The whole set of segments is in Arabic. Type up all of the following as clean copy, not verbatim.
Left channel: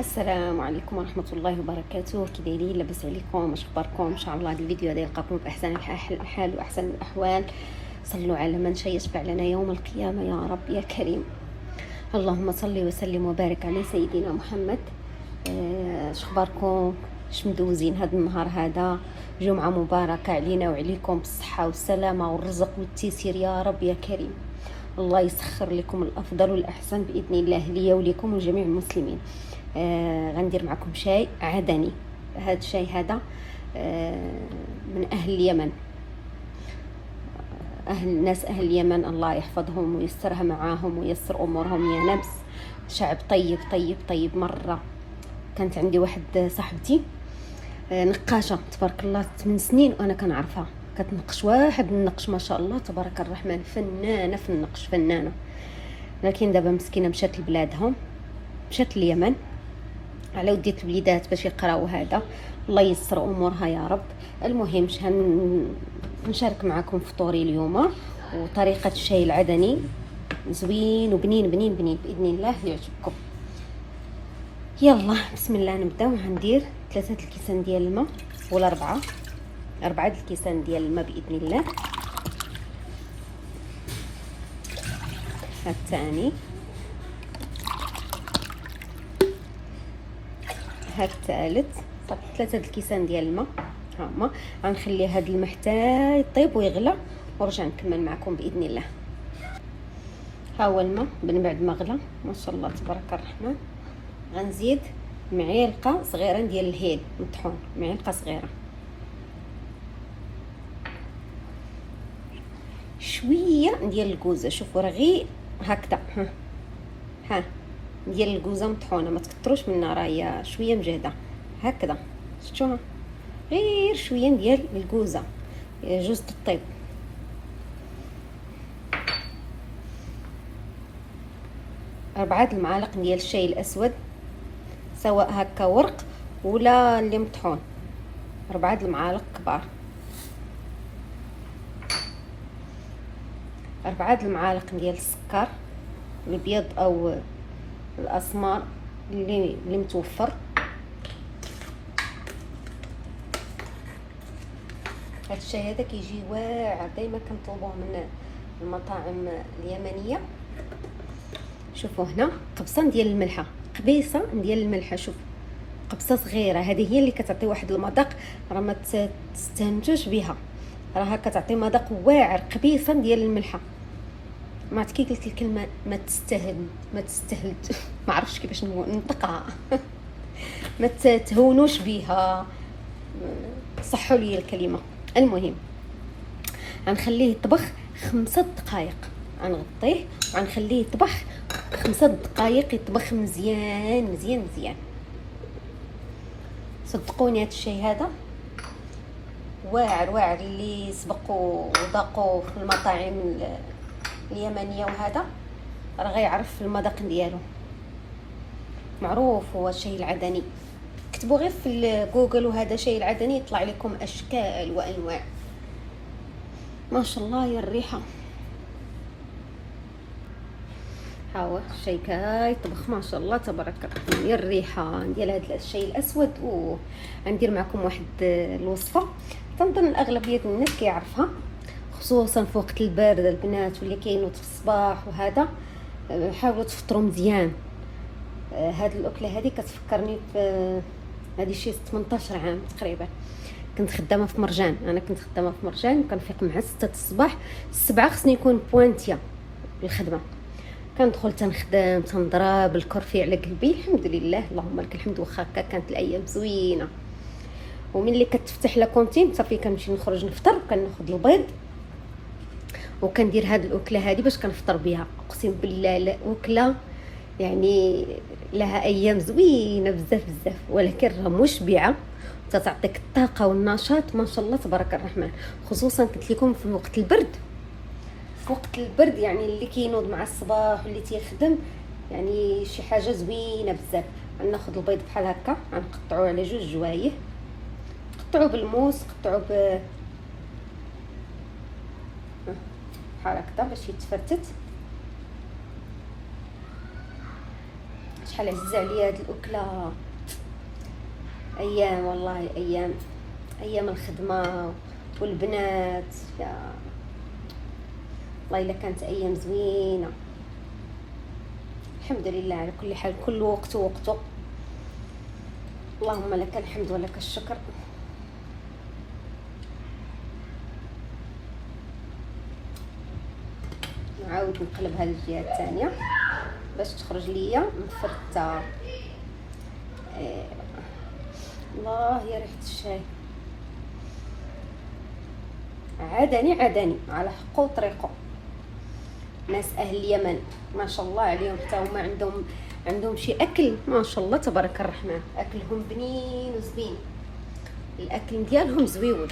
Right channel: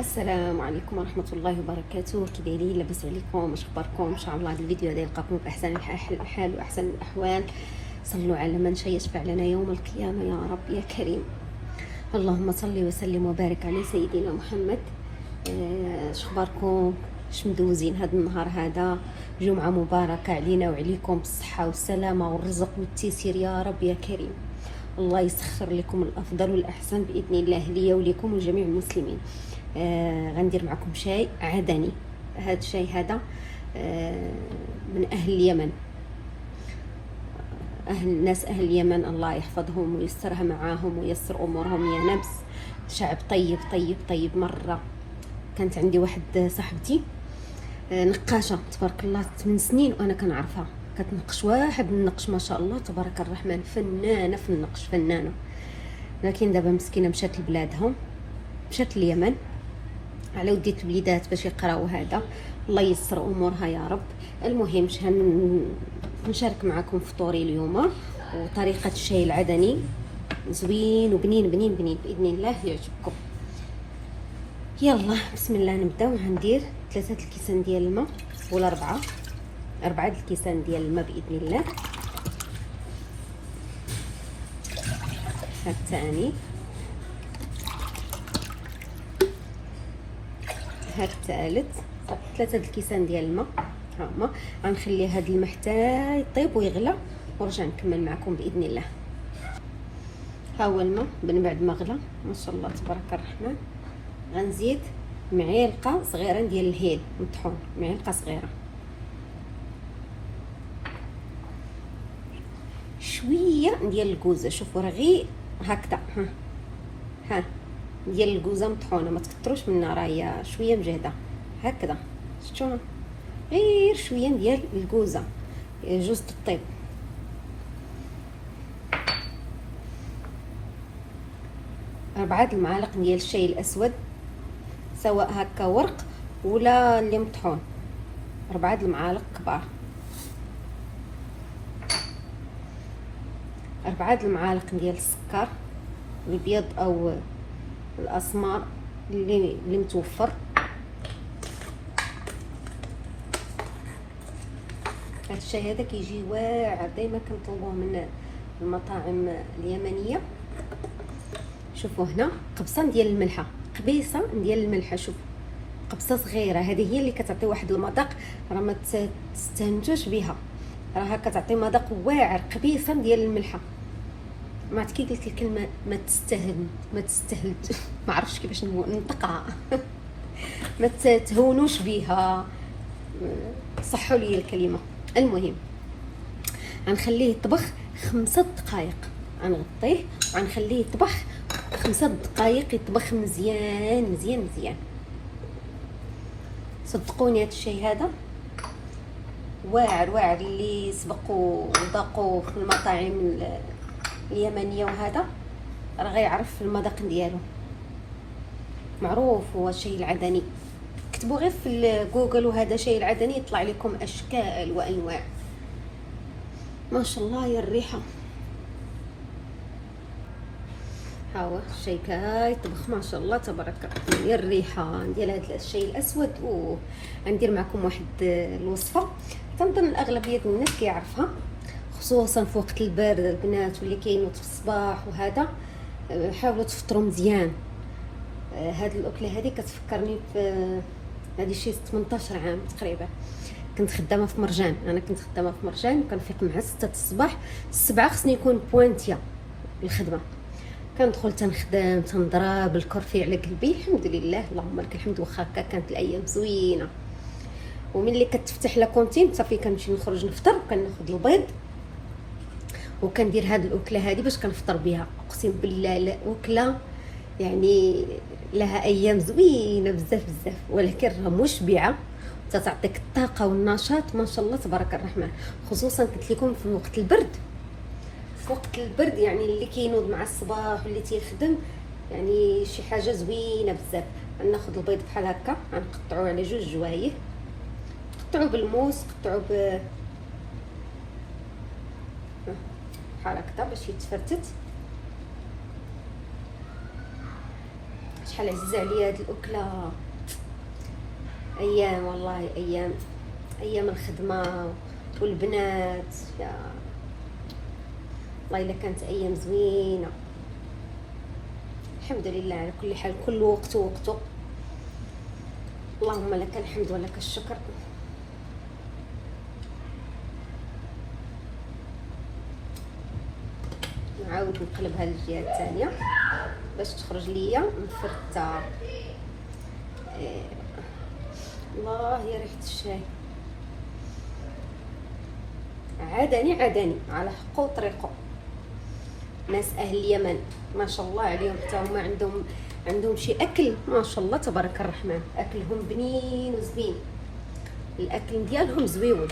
السلام عليكم ورحمة الله وبركاته. كي دايرين؟ لاباس عليكم؟ واش اخباركم؟ ان شاء الله هذا الفيديو غادي يلقاكم باحسن الحال واحسن الاحوال. صلوا على من يشفع لنا يوم القيامة يا رب يا كريم. اللهم صل وسلم وبارك على سيدنا محمد. اش اخباركم؟ اش مدوزين هذا النهار؟ هذا جمعة مباركة علينا وعليكم بالصحة والسلامة والرزق والتيسير يا رب يا كريم. الله يسخر لكم الافضل والاحسن باذن الله ليا وليكم وجميع المسلمين. غندير معكم شاي عدني. هذا الشاي هذا من اهل اليمن. اهل اليمن الله يحفظهم ويسترها معاهم ويسر امورهم يا نفس. شعب طيب طيب طيب مره. كانت عندي واحد صاحبتي نقاشه تبارك الله 8 سنين وانا كنعرفها، كتنقش واحد النقش ما شاء الله تبارك الرحمن، فنانه في النقش فنانه. لكن دابا مسكينه مشات لبلادهم، مشات اليمن على وديت الوليدات باش يقراو. هذا الله ييسر امورها يا رب. المهم نشارك معكم فطوري اليوم وطريقه الشاي العدني زوين وبنين بنين بنين باذن الله يعجبكم. يلا بسم الله نبداو. غندير 3 الكيسان ديال الماء ولا 4 الكيسان ديال الماء باذن الله. هاد الثاني، هاد الثالث، 3 الكيسان ديال الماء. هما غنخلي هاد الماء حتى يطيب ويغلى ونرجع نكمل معكم باذن الله. ها هو الماء من بعد ما غلى ما شاء الله تبارك الرحمن. غنزيد معلقه صغيره ديال الهيل مطحون، معلقه صغيره، شويه ديال الكوزه. شوفوا راه غير هكذا ها ديال الكوزه مطحونه، ما تكتروش منها، راه هي شويه مجهده هكذا. شفتوا؟ غير شويه ديال الكوزه جوز الطيب. ربعة المعالق ديال الشاي الاسود سواء هكا ورق ولا اللي مطحون، 4 المعالق كبار. 4 المعالق ديال السكر الابيض او الاسمر اللي متوفر. هذا الشاي هذا كيجي واعر، دائما كنطلبوه من المطاعم اليمنيه. شوفوا هنا قبصه ديال الملحه، قبيصه ديال الملحه. شوف قبصه صغيره، هذه هي اللي كتعطي واحد المذاق، راه ما تستهنتوش بها، راها كتعطي مذاق واعر. قبيصه ديال الملحه. ما عرفت كي قلت الكلمه ما تستهل ما عرفتش كيفاش نطقها ما تهونوش بها، صحوا لي الكلمه. المهم غنخليه يطبخ 5 دقائق، غنغطيه وغنخليه يطبخ 5 دقائق، يطبخ مزيان مزيان مزيان. صدقوني هذا الشاي هذا واعر واعر. اللي سبقوا وذاقوا في المطاعم اليمنيه وهذا راه غيعرف المذاق ديالو، معروف هو الشاي العدني. كتبوا غير في جوجل وهذا شاي العدني يطلع لكم اشكال وانواع. ما شاء الله يا الريحه. ها هو الشاي كيطبخ ما شاء الله تبارك الرحمن. يا الريحه ديال هذا الشاي الاسود. غندير معكم واحد الوصفه تنظن اغلبيه الناس كيعرفها، خصوصا في وقت البرد البنات واللي كينوض في الصباح وهذا. حاولوا تفطروا مزيان. هاد الاكله هذه كتفكرني في هذه شي 18 عام تقريبا. كنت خدامه في مرجان، كنفيق مع 6 الصباح. 7 خصني يكون بوانتيا الخدمه. كندخل تنخدم تنضرب الكرفي على قلبي. الحمد لله اللهم لك الحمد. واخا هكا كانت الايام زوينه. وملي كتفتح لا كونتين صافي كنمشي نخرج نفطر، كناخذ البيض وكندير هاد الاكله هذه باش كنفطر بها. اقسم بالله لا اكله يعني لها ايام زوينه بزاف بزاف، ولكن راه مشبعه تتعطيك الطاقه والنشاط ما شاء الله تبارك الرحمن. خصوصا قلت لكم في وقت البرد، يعني اللي كينوض مع الصباح واللي تيخدم يعني شي حاجه زوينه بزاف. ناخذ البيض بحال هكا، غنقطعوه على 2 جوايه، قطعوه بالموس، قطعوه بحال هكا باش يتفتت. شحال عزيزه عليا هاد الاكله. ايام والله، ايام الخدمه والبنات، يا والله الا كانت ايام زوينه. الحمد لله على كل حال، كل وقت وقته. اللهم لك الحمد ولك الشكر. نعاود نقلبها للجهه الثانيه باش تخرج ليا مفرته. الله يا ريحه الشاي. عدني على حقه وطريقه. ناس اهل اليمن ما شاء الله عليهم، حتى هما عندهم شي اكل ما شاء الله تبارك الرحمن. اكلهم بنين وزوين، الاكل ديالهم زويون.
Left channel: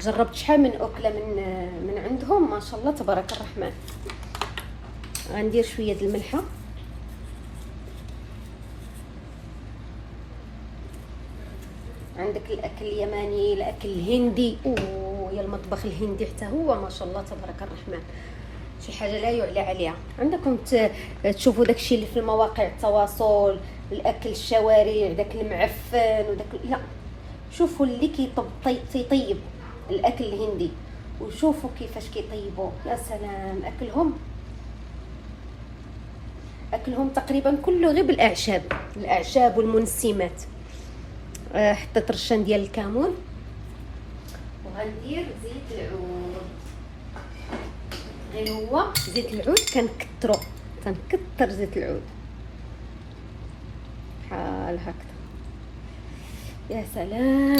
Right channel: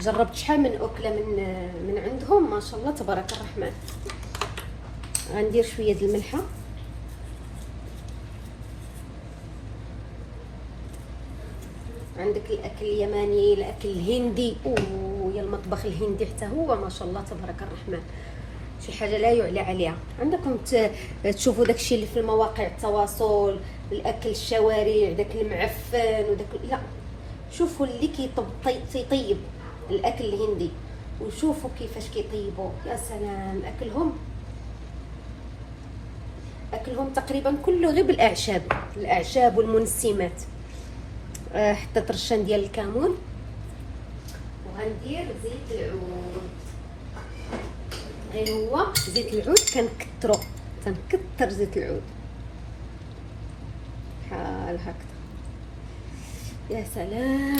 جربت شحال من اكله من عندهم ما شاء الله تبارك الرحمن. غندير شويه د الملحه. عندك الاكل اليماني، الاكل الهندي، ويا المطبخ الهندي حتى هو ما شاء الله تبارك الرحمن شي حاجه لا يعلى عليها. عندكم تشوفوا داكشي اللي في المواقع التواصل، الاكل الشوارع داك المعفن وداك، لا، شوفوا اللي كيطيب الاكل الهندي وشوفوا كيفاش كيطيبوا. يا سلام، اكلهم تقريبا كله غير بالاعشاب والمنسمات. حطيت رشان ديال الكمون، وغندير زيت العود. غير هو زيت العود كنكتر زيت العود بحال هكذا. يا سلام.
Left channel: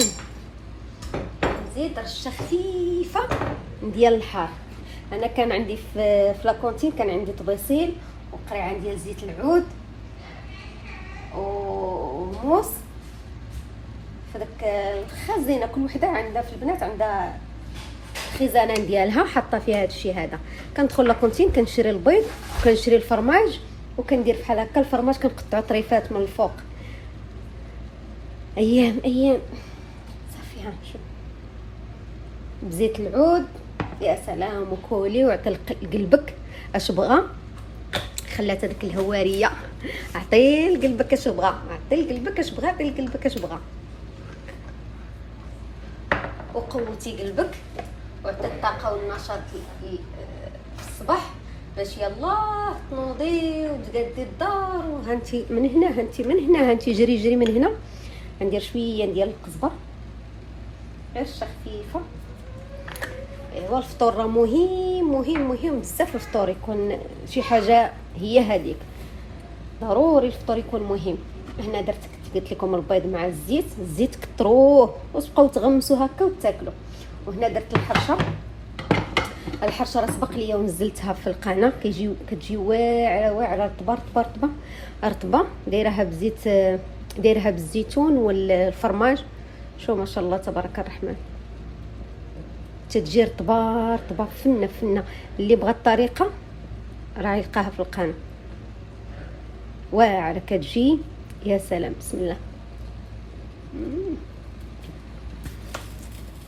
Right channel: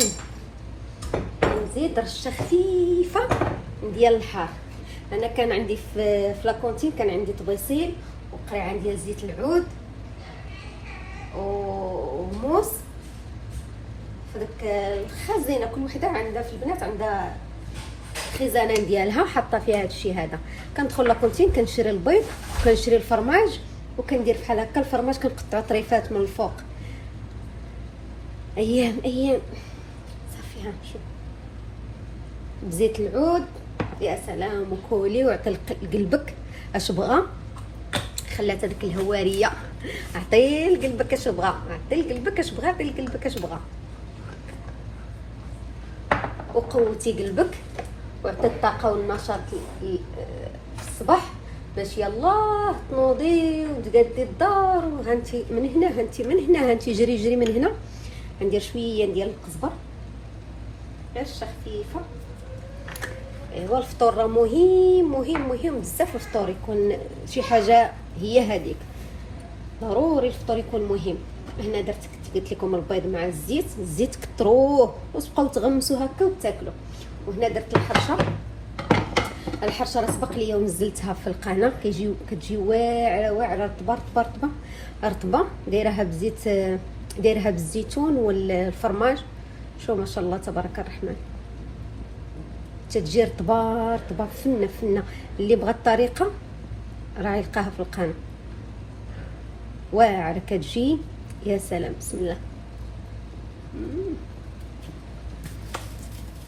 نزيد رشه خفيفه ديال الحار. انا كان عندي في لاكونتين كان عندي طبيسيل وقريعه ديال زيت العود وموس في داك الخزينه. كل وحده عندها في البنات عندها خزانه ديالها حاطه فيها هادشي هذا. كندخل لاكونتين كنشري البيض وكنشري الفرماج وكندير بحال هكا. الفرماج كنقطعو طريفات من الفوق. ايام صافي. ها شوف بزيت العود. يا سلام. وكولي وعطي لقلبك اش بغا. خلات هذيك الهواريه. عطي لقلبك اش بغا، عطي لقلبك اش بغا، عطي لقلبك اش بغا. وقوتي قلبك وعطي الطاقه والنشاط في الصباح باش يلاه تنوضي وتقادي الدار. وهانتي من هنا، هانتي من هنا، هانتي جري من هنا. ندير شويه ديال القزبر رشه خفيفه. ايوا الفطور راه مهم بزاف. الفطور يكون شي حاجه هي هذيك، ضروري الفطور يكون مهم. هنا درت قلت لكم البيض مع الزيت كتروه وتبقاو تغمسوا هكا وتاكلوا. وهنا درت الحرشه راه سبق ليا ونزلتها في القناه. كتجي واعره رطبه. دايرها بالزيتون والفرماج. شو ما شاء الله تبارك الرحمن تتجي رطبه فنه. اللي بغى الطريقه راه يلقاها في القناه. واعره كتجي. يا سلام. بسم الله.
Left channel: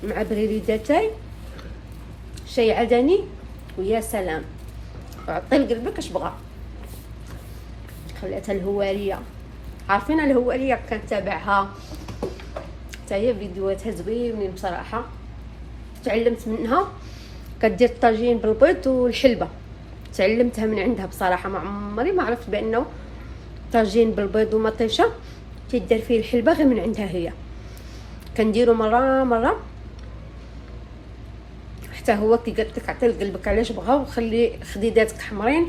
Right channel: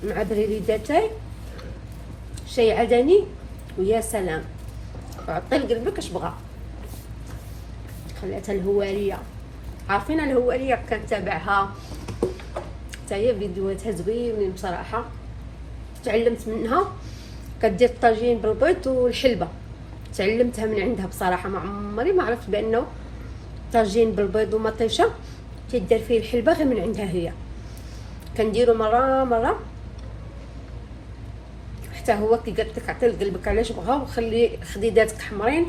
مع بريدتاي شاي عدني. ويا سلام. وعطي لقلبك اش بغا. خلاتها الهواريه. عارفين الهواريه كنتابعها حتى هي فيديوهاتها زوينين بصراحه. تعلمت منها. كدير الطاجين بالبيض والحلبه. تعلمتها من عندها بصراحه. ما عمري ما عرفت بانه طاجين بالبيض ومطيشه كيدير فيه الحلبه غير من عندها هي. كنديرو مره حتى هو كي قالت لك عطي لقلبك علاش بغا وخلي خديداتك حمرين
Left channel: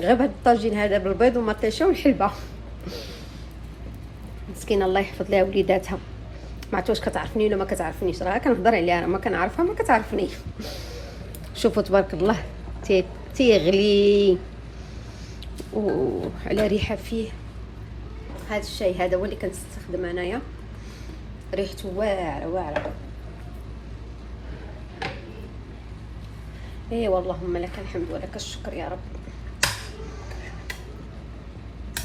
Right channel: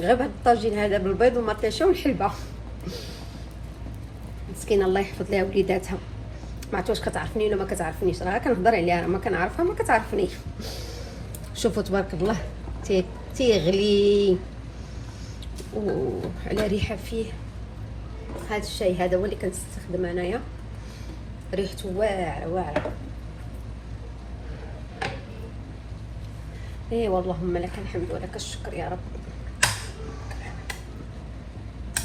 غير بهذا الطاجين هذا بالبيض ومطيشه والحلبه. مسكينه الله يحفظ لها وليداتها. ما عرفت واش كتعرفني ولا ما كتعرفنيش. راه كنهضر عليها، ما كنعرفها ما كتعرفني. شوفوا تبارك الله تيغلي وعلى ريحه فيه. هذا الشاي هذا هو اللي كنستخدم انايا. ريحته واعره. ايوا اللهم لك الحمد ولك الشكر يا رب.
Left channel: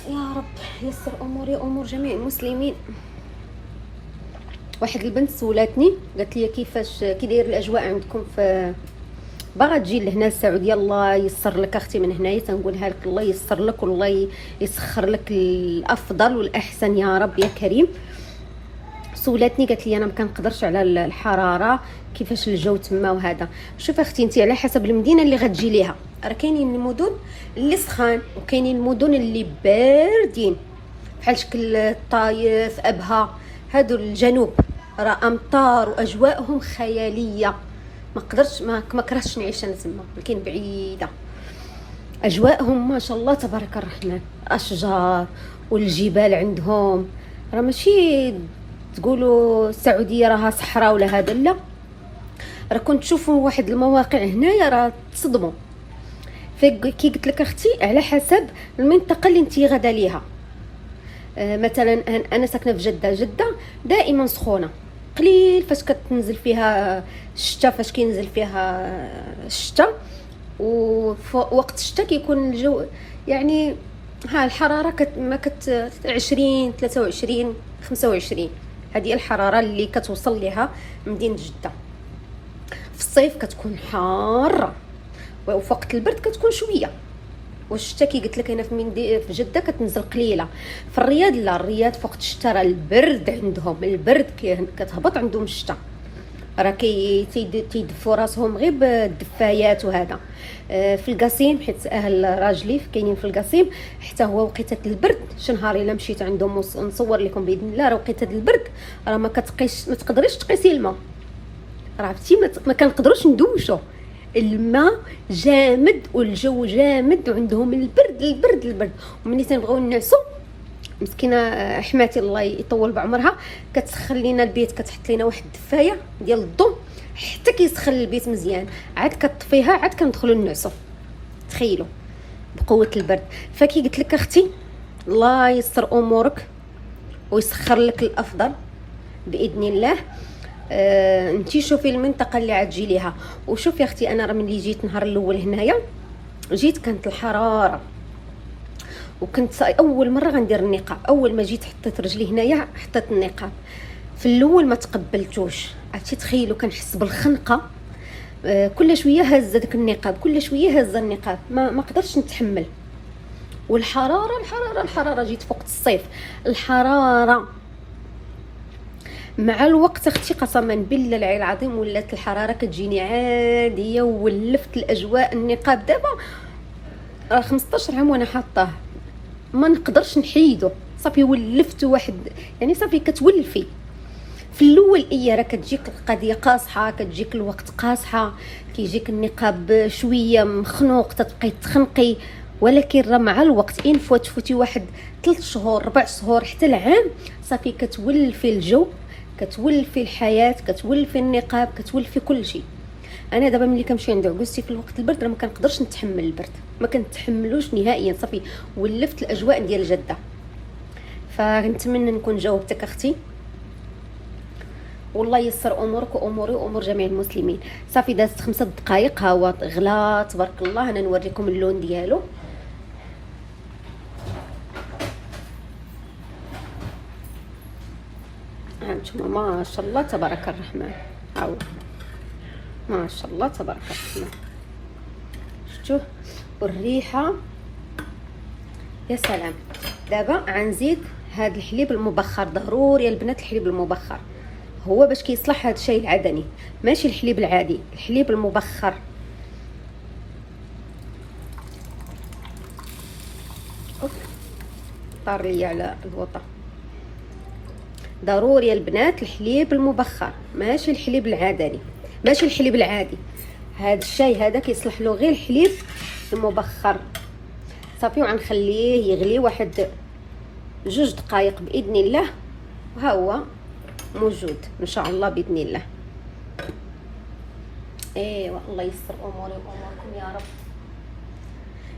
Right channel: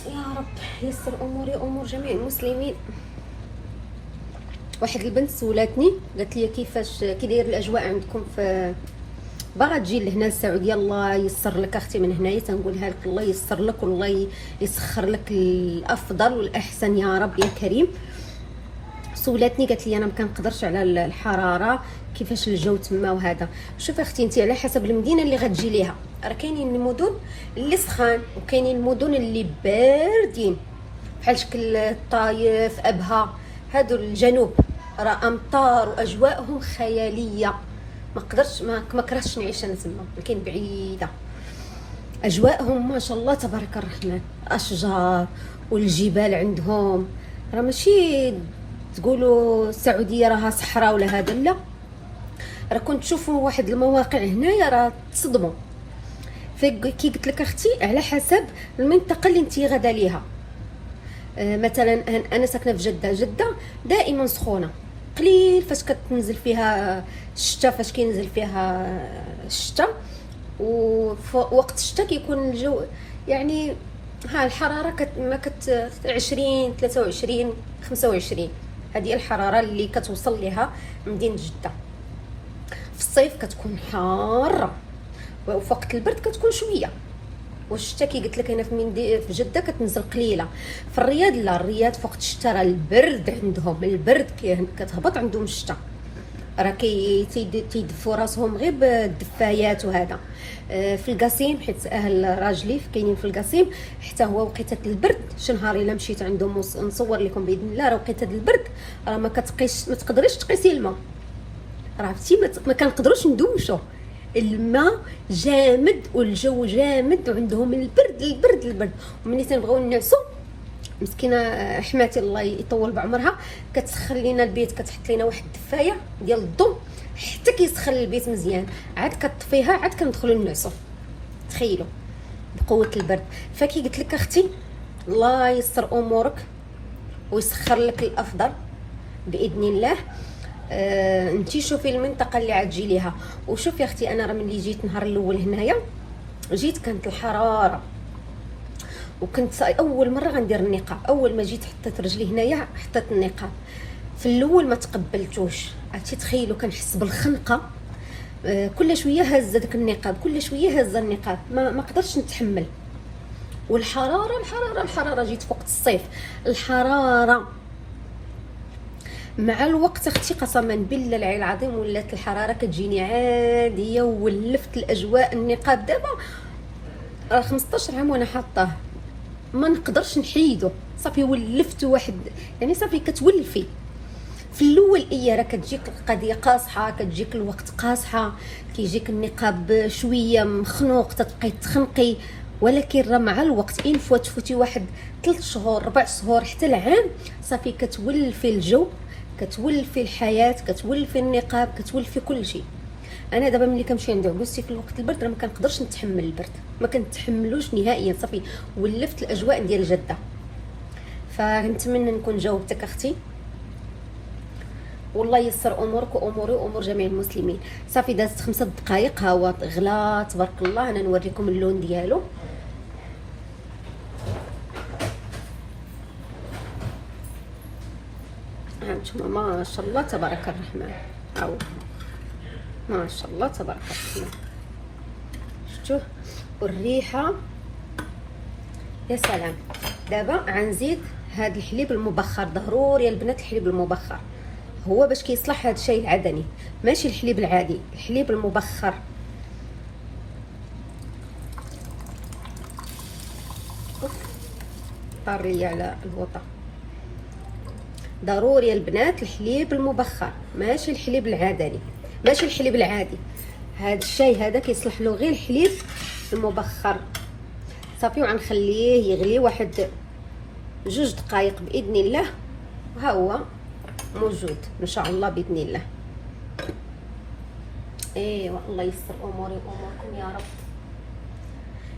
يا رب يسر امور جميع المسلمين. واحد البنت سولاتني قالت لي كيفاش كي داير الاجواء عندكم في باغا تجي لهنا للسعوديه، الله يسر لك اختي من هنايا، تنقولها لك الله يسر لك والله يسخر لك الافضل والاحسن يا رب يا كريم. سولاتني قالت لي انا ما كنقدرش على الحراره، كيفاش الجو تما وهذا. شوف اختي انت على حسب المدينه اللي غتجي ليها، راه كاينين المدن اللي سخان وكاينين المدن اللي باردين بحال شكل الطايف، ابها، هادو الجنوب راه امطار واجواءهم خياليه. ما كرهتش نعيش انا تما، لكن بعيده. اجواءهم ما شاء الله تبارك الرحمن، اشجار والجبال عندهم، راه ماشي تقولوا السعوديه راها صحراء ولا هذا، لا، راه كنت تشوفوا واحد المواقع هنايا راه تصدموا. كي قلت لك اختي على حسب المنطقه اللي انت غادا ليها. مثلا انا ساكنه في جده دائما سخونه، قليل فاش كتنزل فيها الشتاء، فاش كينزل فيها الشتاء، ووقت الشتاء كيكون الجو يعني ها الحراره ما كت 20 23 25، هذه الحراره اللي كتوصل لها مدينه جده. في الصيف كتكون حاره، وفي وقت البرد كتكون شويه. والشتاء كي قلت لك انا في جده كتنزل قليله. في الرياض لا، الرياض في وقت الشتاء راه البرد عندهم، البرد كتهبط عندهم الشتاء، راه تيدفوا راسهم غير بالدفايات وهذا. في القصيم حيت اهل راجلي كاينين في القصيم، حتى هو وقيته البرد شنهار الا مشيت عندهم نصور لكم باذن الله، راه وقيته البرد راه ما تقدريش تقيسي الماء، راه عرفتي ما كنقدروش ندوشو، الماء جامد والجو جامد وعندهم البرد. وملي تنبغيو نعسو مسكينه حماتي الله يطول بعمرها كتسخن لينا البيت، كتحط لينا واحد الدفايه ديال الضو حتى كيسخن البيت مزيان، عاد كطفيها عاد كندخلوا نعسو. تخيلوا بقوه البرد. فكي قلت لك اختي الله يسر امورك ويسخر لك الافضل باذن الله. انتي شوفي المنطقه اللي عتجي ليها. وشوفي اختي انا راه ملي جيت النهار الاول هنايا جيت كانت الحراره، وكنت اول مره غندير النقاب. اول ما جيت حطيت رجلي هنايا حطيت النقاب، في الاول ما تقبلتوش، عرفتي تخيلوا كنحس بالخنقه. كل شويه هازه داك النقاب، كل شويه هازه النقاب، ما قدرتش نتحمل. والحراره جيت في وقت الصيف، الحراره مع الوقت اختي قسما بالله العلي العظيم ولات الحراره كتجيني عاديه، وولفت الاجواء. النقاب دابا 15 عام وانا حاطاه، ما نقدرش نحيدو، صافي ولفتو واحد يعني صافي كتولفي. في الاول راه كتجيك القضيه قاصحه، كتجيك الوقت قاصحه، كيجيك النقاب شويه مخنوق تتبقاي تخنقي، ولكن راه مع الوقت ان تفوتي واحد 3 شهور 4 شهور حتى العام صافي كتولفي الجو، كتولفي الحياه، كتولفي النقاب، كتولفي كل شيء. انا دابا ملي كنمشي عند عكوزتي في الوقت البرد راه ما كنقدرش نتحمل البرد، ما كنتحملوش نهائيا، صافي ولفت الاجواء ديال جده. فنتمنى نكون جاوبتك اختي، والله يسر امورك واموري وامور جميع المسلمين. صافي دازت 5 دقائق ها هو غلا تبارك الله. انا نوريكم اللون ديالو. هانتوما ما شاء الله تبارك الرحمن، هاو ما شاء الله تبارك الرحمن، شفتوه والريحه يا سلام. دابا غنزيد هاد الحليب المبخر، ضروري البنات الحليب المبخر هو باش كيصلح هاد الشيء العدني، ماشي الحليب العادي، الحليب المبخر. طار لي على الوطا. ضروري البنات الحليب المبخر، ماشي الحليب العادي، ماشي الحليب العادي. هاد الشاي هذا كيصلح له غير الحليب المبخر. صافي وغنخليه يغلي واحد 2 دقائق باذن الله، وها هو موجود ان شاء الله باذن الله. ايوا الله يستر اموري واموركم يا رب.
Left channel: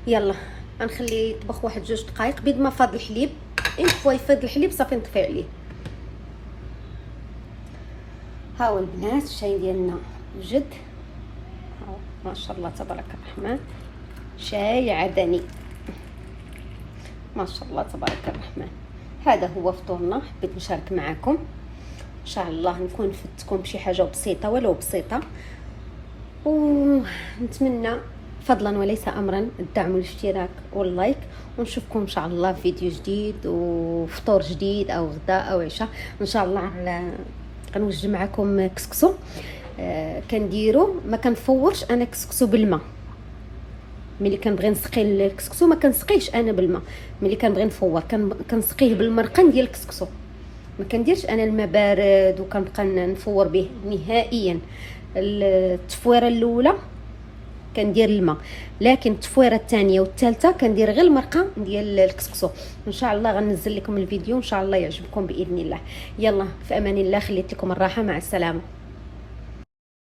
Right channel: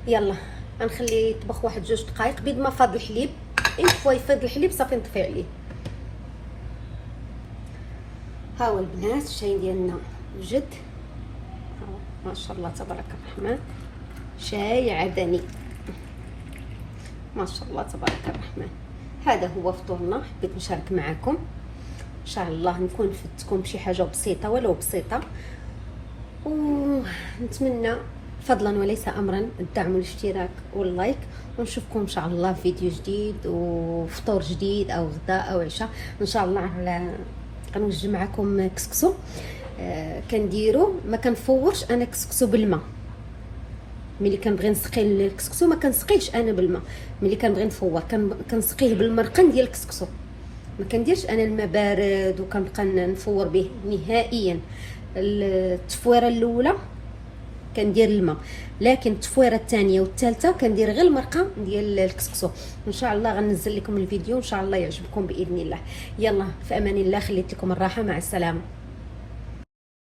يلا غنخليه يطبخ واحد 2 دقائق. بيد ما فاض الحليب يفيض الحليب صافي نطفي عليه. ها هو البنات الشاي ديالنا وجد، ما شاء الله تبارك الرحمن، شاي عدني ما شاء الله تبارك الرحمن. هذا هو فطورنا، حبيت نشارك معكم. ان شاء الله نكون فدتكم بشي حاجه بسيطه ولو بسيطه. ونتمنى فضلا وليس امرا الدعم والاشتراك واللايك، ونشوفكم ان شاء الله في فيديو جديد وفطور جديد او غداء او عشاء ان شاء الله. غنوجد معكم كسكسو. كنديرو ما كنفورش انا كسكسو بالماء. ملي كنبغي نسقي الكسكسو ما كنسقيهش انا بالماء، ملي كنبغي نفور كنسقيه بالمرقن ديال الكسكسو. ما كنديرش انا الماء بارد وكنبقى نفور به نهائيا. التفويره الاولى كندير الماء، لكن التفويره الثانيه والثالثه كندير غير المرقه ديال الكسكسو. ان شاء الله غنزل لكم الفيديو ان شاء الله يعجبكم باذن الله. يلا في امان الله، خليت لكم الراحه، مع السلامه.